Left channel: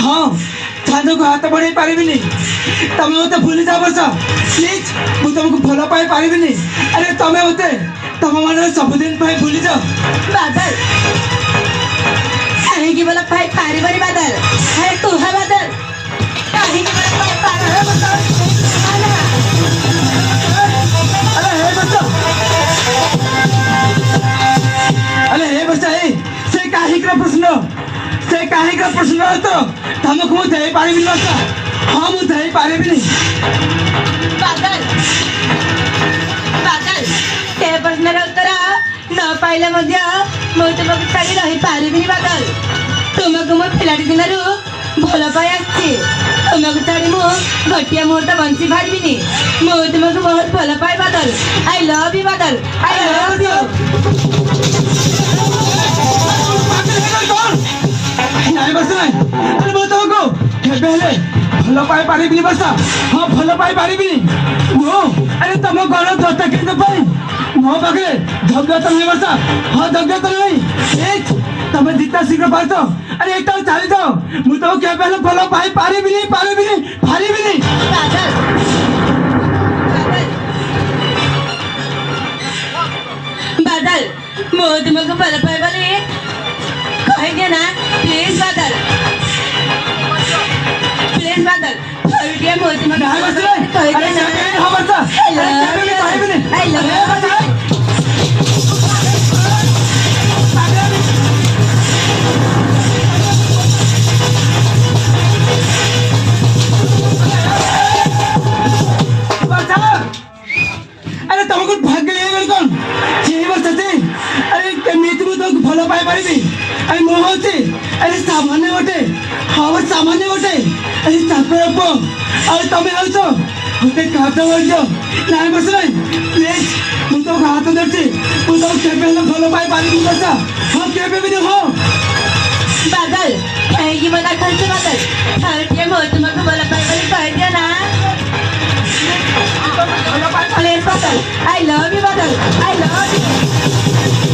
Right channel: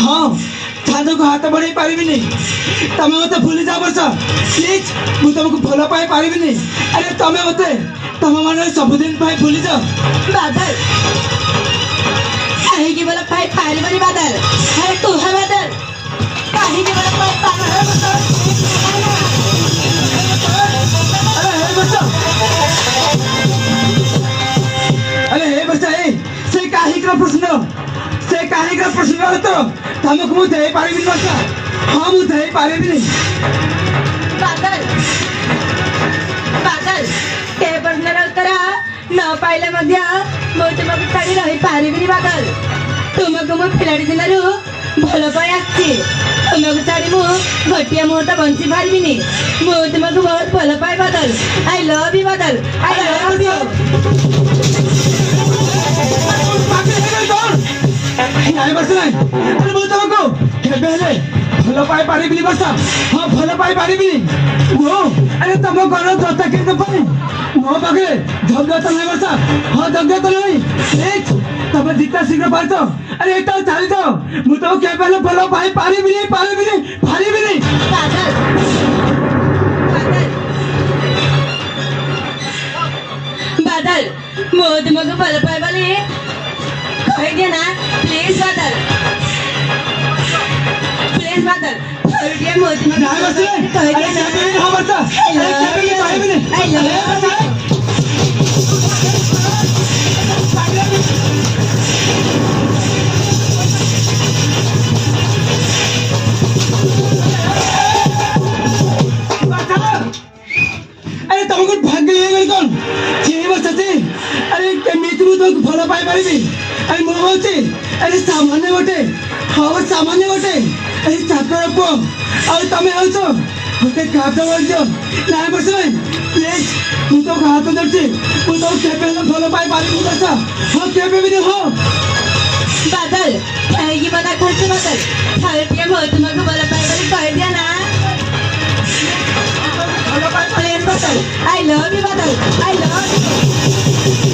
हाँ चांद को हाथ बढ़ाई पारिबिनी तमे मते भूली जा वर्षा प्लीज मु तुमको भलो पाई पारिबिनी अरे तमे मते तम मन सबुदिन पाई भूली जा बादल कहीं की बोला पाई पारिबनी बादल अरे तू है बादल कहीं की बोला पाई पारिबनी अरे हे बच्चा से काहे का प्रश्न तो तमको मु दे पारिबिनी बच्चा हां मु दे पारिबिनी बादल बादल ते प्रश्नर उत्तर न पाइले मध्य मु तुमको छाड़ी रही पारिबिनी बादल तुमको मो खिलाड़ी दिनरु भल पाई आछि तुमको छाड़ी मु घटिया मुहूर्त बंसी पारिबिनी मु तुमको बहुत भल पाई बादल आई लव यू बादल आई लव यू नहीं बस नहीं अरे मु तुमको केबे हेले भलो पाई पारिबिनी बस हां भलो पाई पारिबिनी वो अरे तम घर दत्ता के पाई मो पाखे योग्यता नहीं बस हां योग्यता नहीं एक तमे जितना शीघ्र पारतो अरे एक तो चली जाओ मु तो केबे हेले भलो पाई पारिबिनी पारिबिनी बादल बादल मो तुमको भल पाई वाली कह दिया ना प्लीज बादल हरदिया मो तुमको नहीं बस नहीं कह अरे दिया केबे ना हां बस अरे केबे पारिबिनी आई लव यू अरे तुमको भाग्य ले कौन यही बस अरे केमिति मु तुमको भलो पाई पारिबी अरे मो होची अरे सामान्य गोटे हाँ सामान्य गोटे अरे चाकर पो और तमे आउछो होते काटा वर्जो ना बस नहीं प्लीज मु तो हाथ धरची मु तो केबे ले भलो पाई पारिबी बस हां केबे भी हो बादल कहेगी मना खर्च बादल हरदिया मो तुमको भल पाई वाली कह दिया ना भलो पाई प्लीज बादल आई लव यू बादल आई लव यू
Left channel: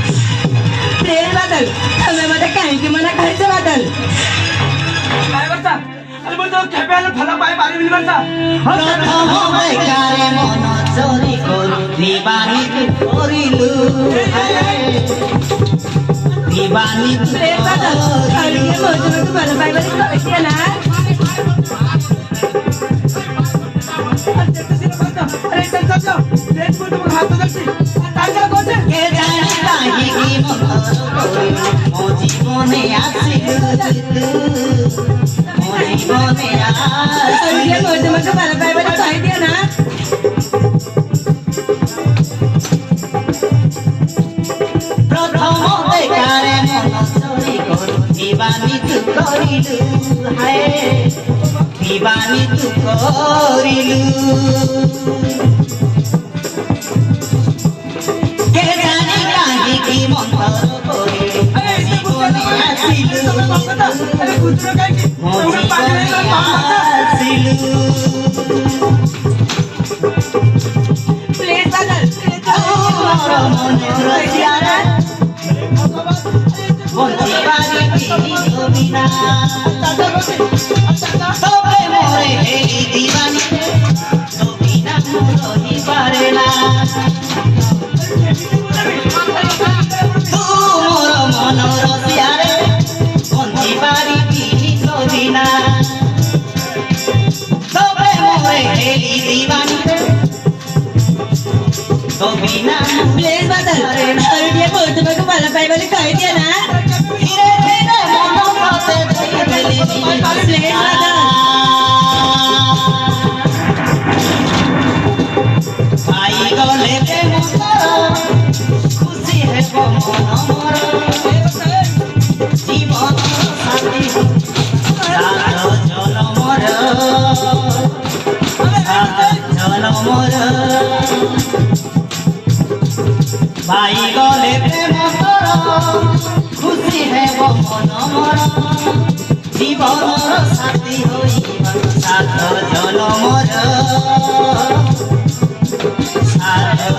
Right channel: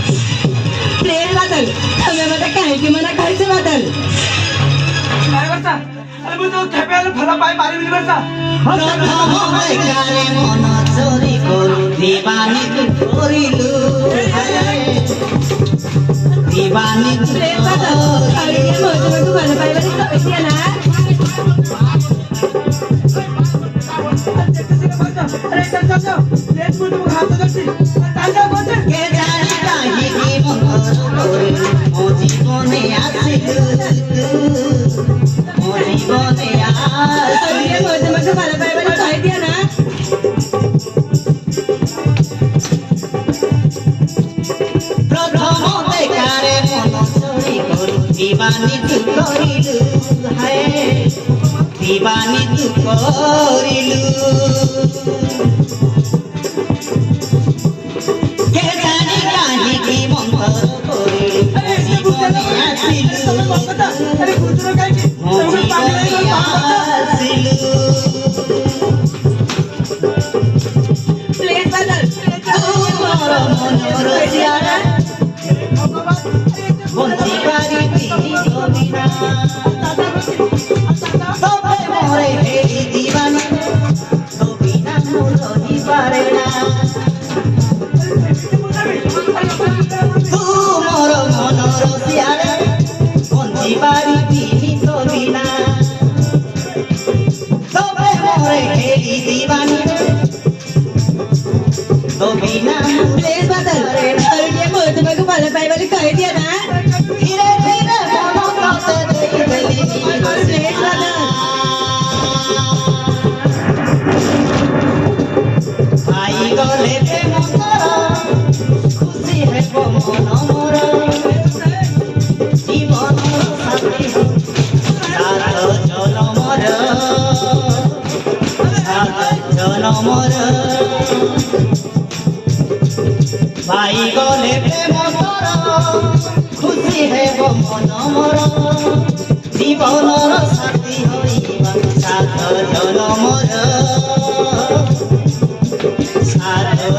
प्लीज बादल हमें मत कहेगी मना खर्च बादल नहीं बस अरे मु तो केबे ले भलो पाई पारिबी बस বেকারে মন চোরি করু দিবানি করিলু দিবানি प्लीज बादल हरदिया मो तुमको भल पाई वाली कह दिया ना अरे चल चल प्लीज मु तुमको हाथ धरची चल जा कोसे কে জানি কাহিকি মন্তর করি ও জীবনে আসিলু ও জীবনে हरदिया मो तुमको भल पाई वाली कह दिया ना প্রথম বেকারে মন চোরি করু দিবানি করিলু হায় দিবানি করিলু কে জানি কাহিকি মন্তর করিলু अरे इसने জীবনে আসিলু अरे कुछ ना कहे कि तुमको पानी नहीं लो আসিলু प्लीज बादल তোর মনের জিয়ারা বন্দি পারিবি জমিনা তবে মোরে হেলি দিবানি জমিনা রহি পারে না তোর মনের জিয়ারা বন্দি পারিবি জমিনা তবে মোরে হেলি দিবানি জমিনা प्लीज बादल हरदिया मो तुमको भल पाई वाली कह दिया ना ধীরে ধীরে মন রাতে দেখলি प्लीज बादल ভাই গলে প্রেম কর খুশি হেব মন মর জীবন সাথী রাত জল মর জল মর ভাই গলে প্রেম কর খুশি হেব মন মর জীবনর সাথী হইবা সাথ জল মর সাথ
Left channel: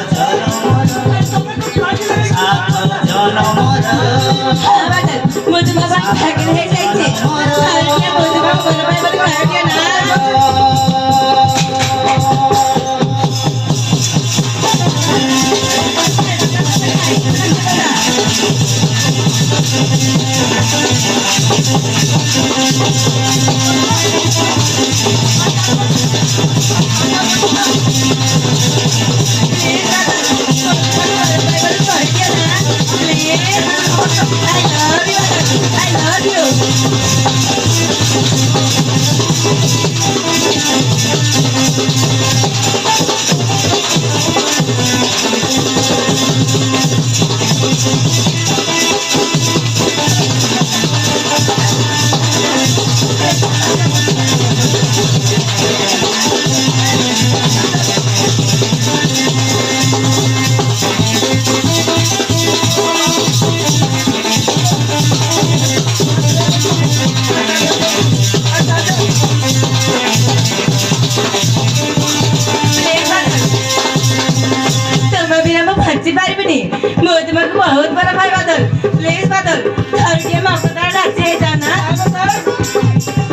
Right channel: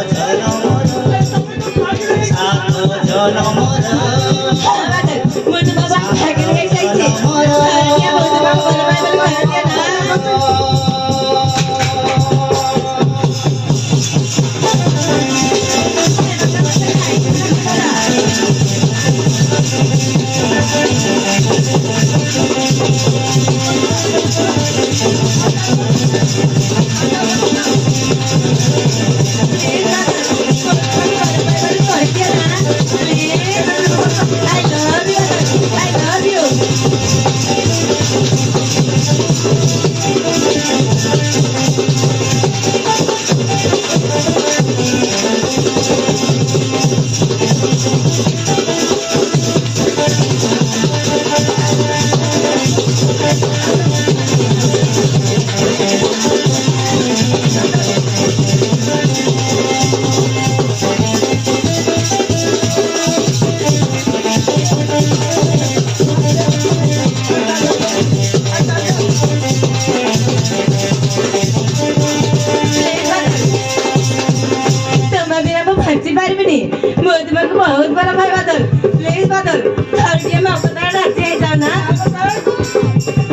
ପାରିବିନି ମୁଁ ତୁମକୁ ବହୁତ ଭଲ ପାଏ ବାଦଲ ପ୍ଲିଜ ବାଦଲ ଆଉ ଟିକେ ମୋ କଥା ରାଜି ହେଇଯାଅ ନା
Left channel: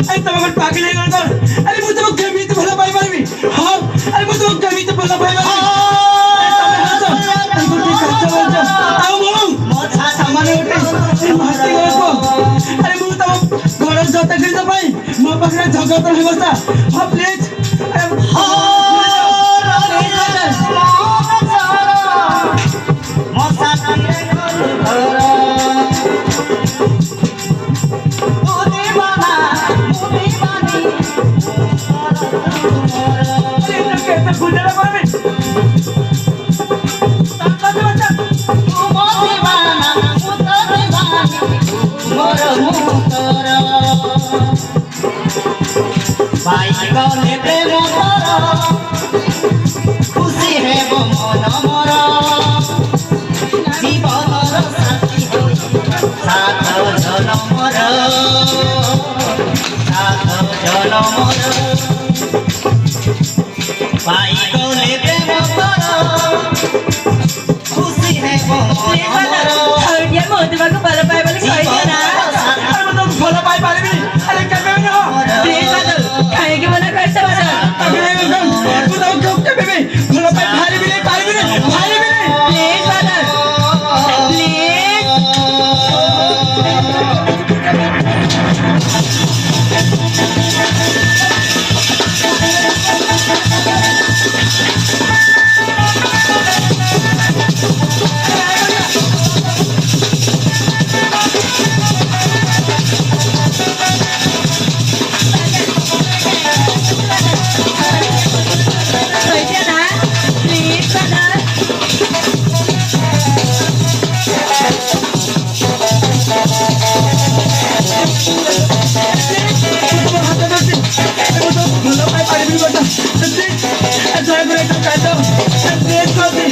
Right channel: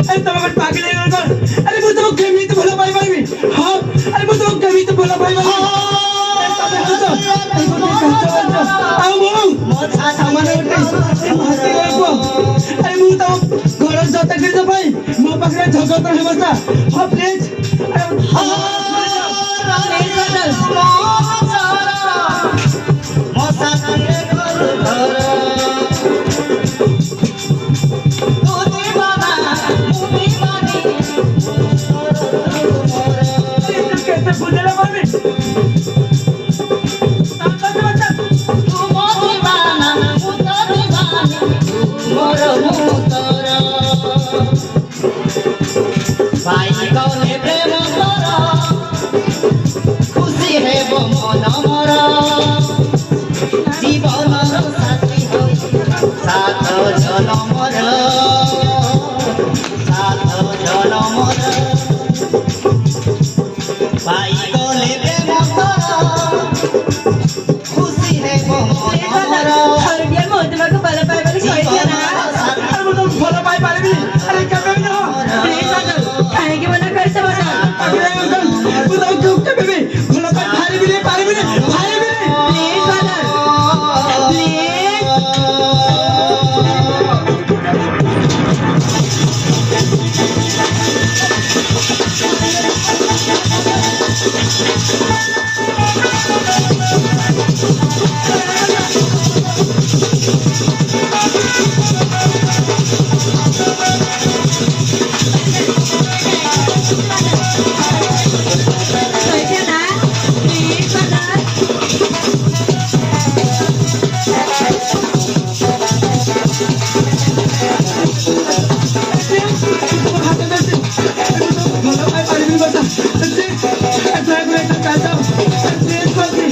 अरे तुम अगर पागल है लड़का अरे मैं तुमको केमित भला पाई पारबी हां अरे मैं तुमको केमित भला पाई पारबी अरे गोटे काचा बलचा आओ बोलू मोछा सामाने उठे अरे मस्ती करको अरे मु तुम घर जता कर दो भाई मो पाखरे झगड़ा कर हेबसा हां प्लीज मोछा तंगे घर कैसे फुलला पारबी खुशी है वो मन मोर जीवन साथी सात जनमर भाई गले प्रेम कर खुशी है वो मन मोर ଆଉ ଟିକେ ମୁଁ ତୁମକୁ ଭଲ ପାଏ ବୋଲି କହିଦିଅ ନା अरे मैं तुमको भला पाई पारबी अरे केबे न ପ୍ଲିଜ ବାଦଲ କାହିଁକି ମନା କରିଛ ବାଦଲ अरे लड़का तू तो क्यों केबे भला पाई पारबी नहीं प्लीज बादल प्लीज କହିଦିଅ ନା ପ୍ଲିଜ ବାଦଲ भला पाई पारबी बता ड्राइवर एक काटा प्लीज कर दे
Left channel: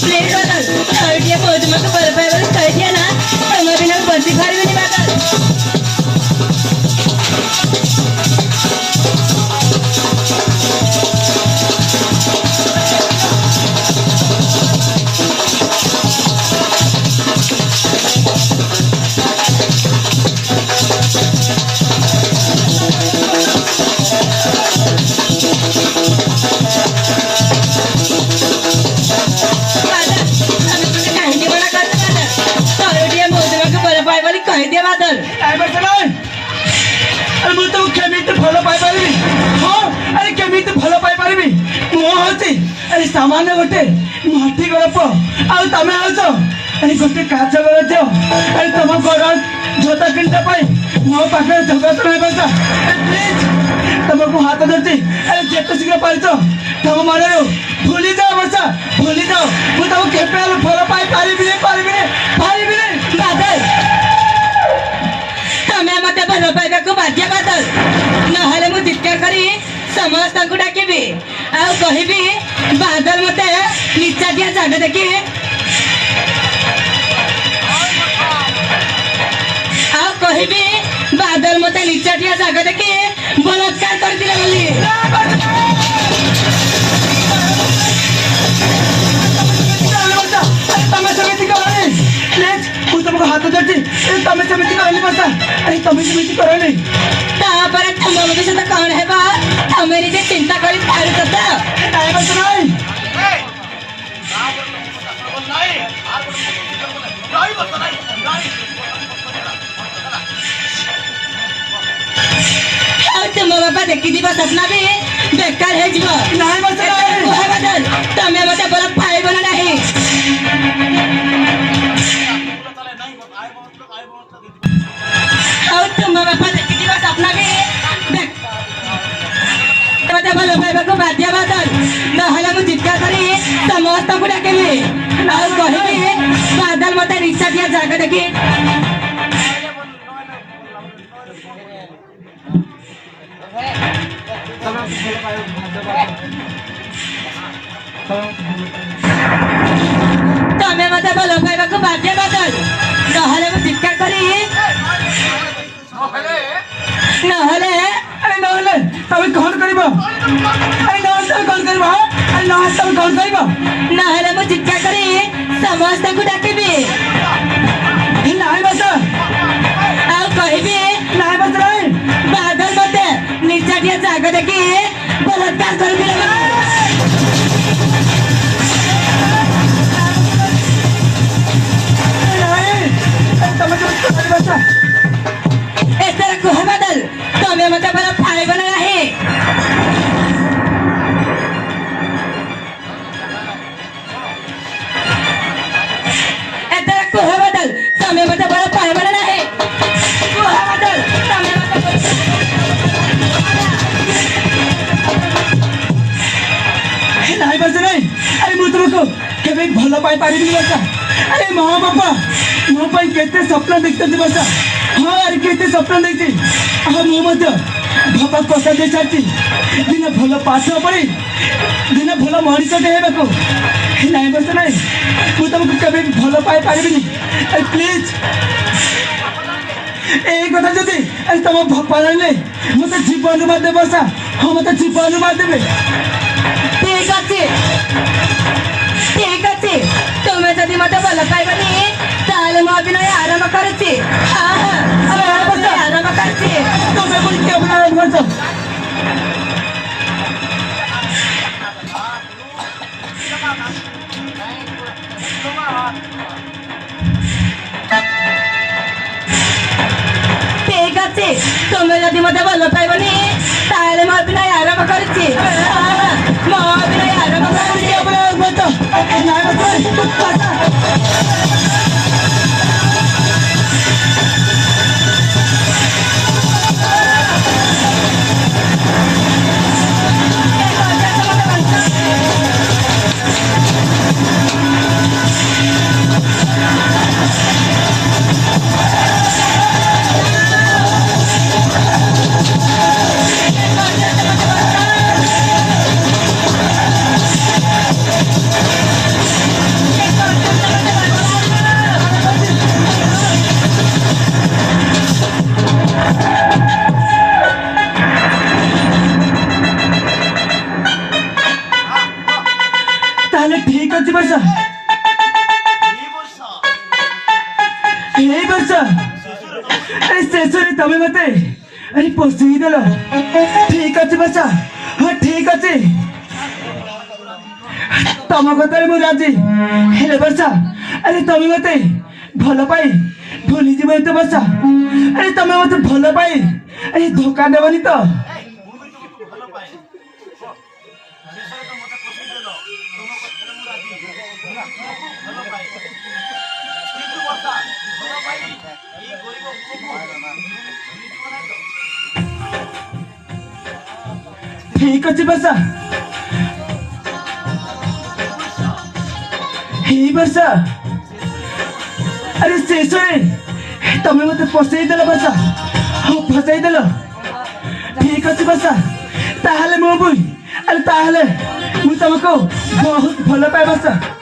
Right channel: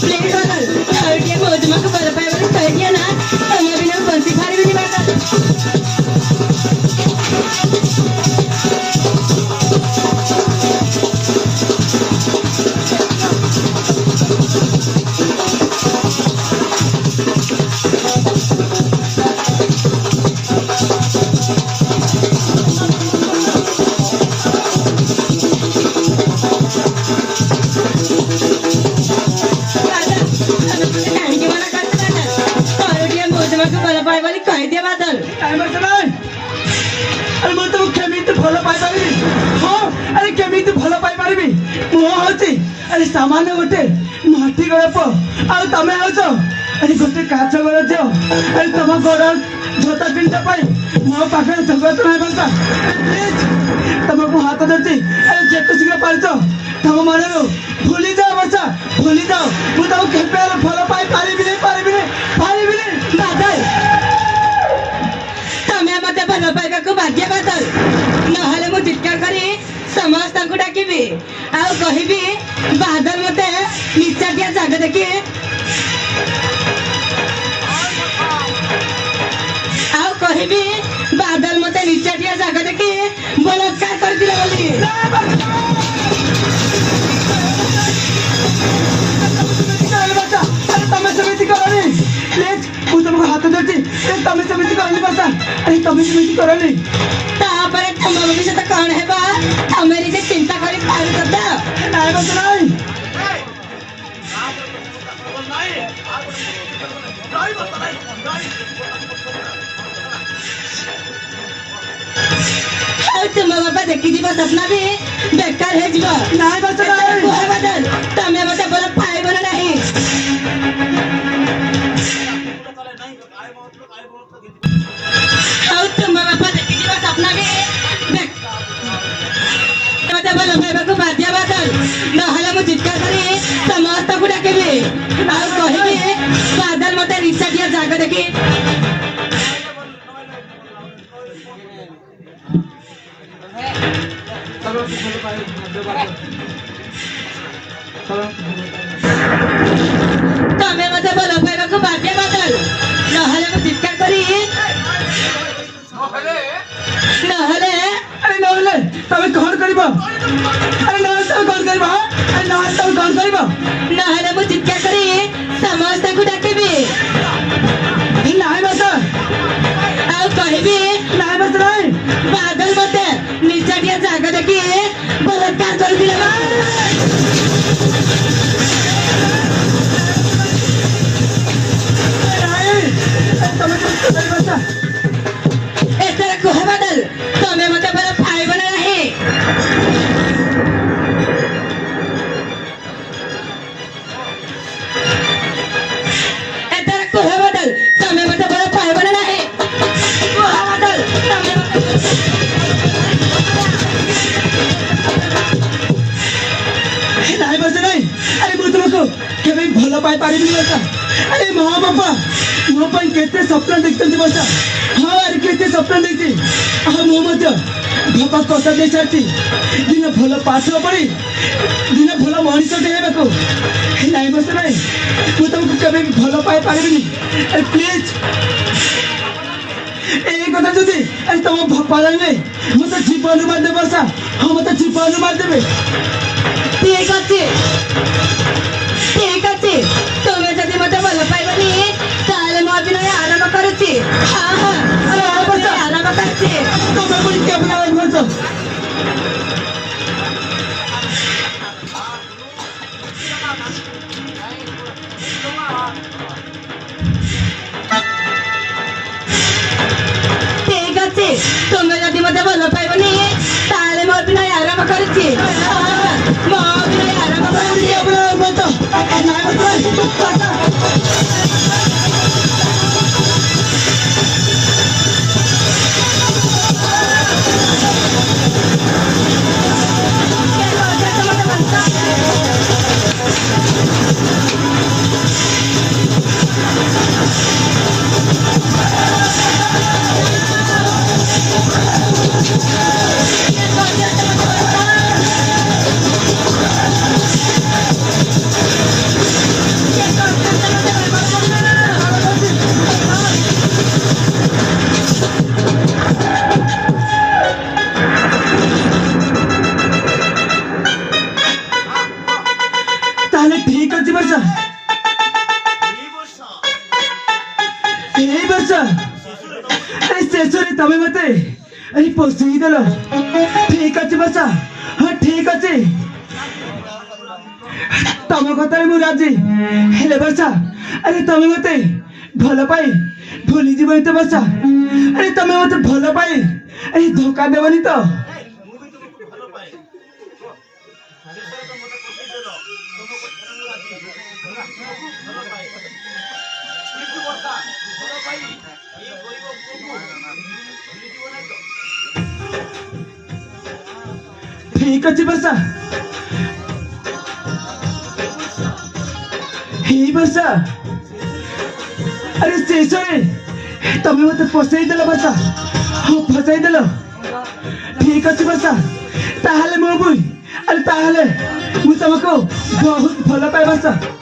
प्लीज बादल ଆଉ ଟିକେ ମୁଁ ତୁମକୁ ଭଲ ପାଏ ବୋଲି କହିଦିଅ ନା ତୁମ ବିନା ବଞ୍ଚି ପାରିବିନି ବାଦଲ କାହିଁକି ମନା କରୁଛ ବାଦଲ ଆଉ ଟିକେ ମୁଁ ତୁମକୁ ଭଲ ପାଏ ବୋଲି କହିଦିଅ ବାଦଲ टाइमर चलाए अरे मैं तो केमित भला पाई पारबी हां अरे केमित भला पाई पारबी मो होती अरे सामान्य गोटे माटी गड़प आ तमे होछ अरे गोटे काच गड़ दियो अरे तुम गड़ जोता किनता पाई मो पाखे झगड़ा तो नहीं बसा प्लीज तुमको हाथ धरती अरे जेतो शीघ्र पारछ तुम मन रो भूली जाओ बसा भूली जाओ मु तो केपे भला पाई पारबी नहीं ବାଦଲ ତମେ ମତେ ଭଲ ପାଇବାକୁ ବାଧ୍ୟ ବାଦଲ ନହେଲେ ମୁଁ ଚିତ୍କାର କରି ସମସ୍ତଙ୍କୁ ଡାକିବି ଆଉ କହିବି ବାଦଲ ମତେ ନିଚାଟିଆ ଜାଗା ଦେଖି ଆଉ କହିବି ବାଦଲ ମତେ ନିଚାଟିଆ ଜାଗା ଦେଖି ବଳାତ୍କାର କରିଥିଲେ ବୋଲି तमे समिति करनी प्लीज तू तुमको हाथ धरती तमे समिति करनी बसा अरे तमे समिति करनी ତାପରେ ତମ ଭବିଷ୍ୟତ କଣ ହେବ ତମେ ନିଜେ ଚିନ୍ତା କରି ପାରୁ କଥା टाइमर चलाई ଆଉ ତୁମ ବାପା ଦେଖିଯିବ ସ୍ୱପ୍ନ ବି ବେକାର ହେଇଯିବ ନାଇଁ ବସ କୁହ ବାଦଲ ତମେ ମତେ ଭଲ ପାଇବ ନା ନାହିଁ ଆଉ ତୁମ ବାପା ଦେଖିଯିବ ସ୍ୱପ୍ନ ବି ମତେ ଭଲ ପାଇବାକୁ ବାଧ୍ୟ ବାଦଲ ନହେଲେ ମୁଁ ଚିତ୍କାର କରି ସମସ୍ତଙ୍କୁ ଡାକିବି ଆଉ କହିବି ବାଦଲ ମତେ ନିଚାଟିଆ ଜାଗା ଦେଖି ତମେ ମତେ ଭଲ ପାଇବାକୁ ବାଧ୍ୟ ବାଦଲ ନହେଲେ ମୁଁ ଚିତ୍କାର କରି ନହେଲେ अरे नहले तमे कौन करिबा अरे नहले तमे कौन करिबा अरे नहले तमे कौन करिबा ନହେଲେ ମୁଁ ଚିତ୍କାର ନାଇଁ ବର୍ଷା ନାଇଁ ଆରେ ମୁଁ ତୁମକୁ କେବେ ଭଲ ପାଇପାରିବିନି ବର୍ଷା ଆରେ ମା ବାପା ମୋ ପାଇଁ କେତେ ସ୍ୱପ୍ନ ଦେଖିଛନ୍ତି ବର୍ଷା ହଁ ଆରେ କେତେ ସ୍ୱପ୍ନ ଦେଖିଛି ଆଉ ମୁଁ ମଧ୍ୟ ବାପା କଥା ଦେଇ ସାରିଛି ଦିନେ ଭଲ ପାଠ ପଢ଼ି ଦିନେ ଭଲ ମଣିଷଟେ ହେବାକୁ ନାଇଁ ବର୍ଷା ନାଇଁ ମୁଁ ତୁମକୁ କେବେ ଭଲ ପାଇପାରିବିନି ପ୍ଲିଜ୍ এই কথা যদি তোমার বাপা জানলে মতো জীবন মারতে বসা মতো জীবন মারদেবে ঠিক আছে ঠিক আছে তুমি যদি মতো ভালো পাইবনি তাহলে ମୁଁ ଅଭିନୟ ଆରମ୍ଭ କରୁଛି ଆରମ୍ଭ କରୁଛି তোমরা বলি কেমন বলছো ঠিক আছে তুমি যদি মতো ভালো পাইবনি তাহলে ମୁଁ ଅଭିନୟ ଆରମ୍ଭ କରୁଛି ମୁଁ ଅଭିନୟ ଆରମ୍ଭ କରୁଛି কেমন বলছো নাই বলছো তাহলে ঠিক আছে বর্ষা এই বর্ষা আরে শেষরে তুমি মতে আরে পৌঁছেই দিল ঠিক আছে বর্ষা হ্যাঁ ঠিক আছে তম কথারে মু রাজি হেলে বর্ষা আরে তুমি মতে ভাল পাই ভুলি যাবনি তো বর্ষা আরে তুমি মতে ভাল পাই আরে ধোকা দেবনি তো ঠিক আছে বর্ষা এই বর্ষা আরে শেষরে তুমি মতো ফসাই দেল বর্ষা ফসাই দেল ঠিক আছে বর্ষা তাহলে মো বই আরে তাহলে ମୁଁ ତମକୁ ବହୁତ ଭଲ ପାଏ ବର୍ଷା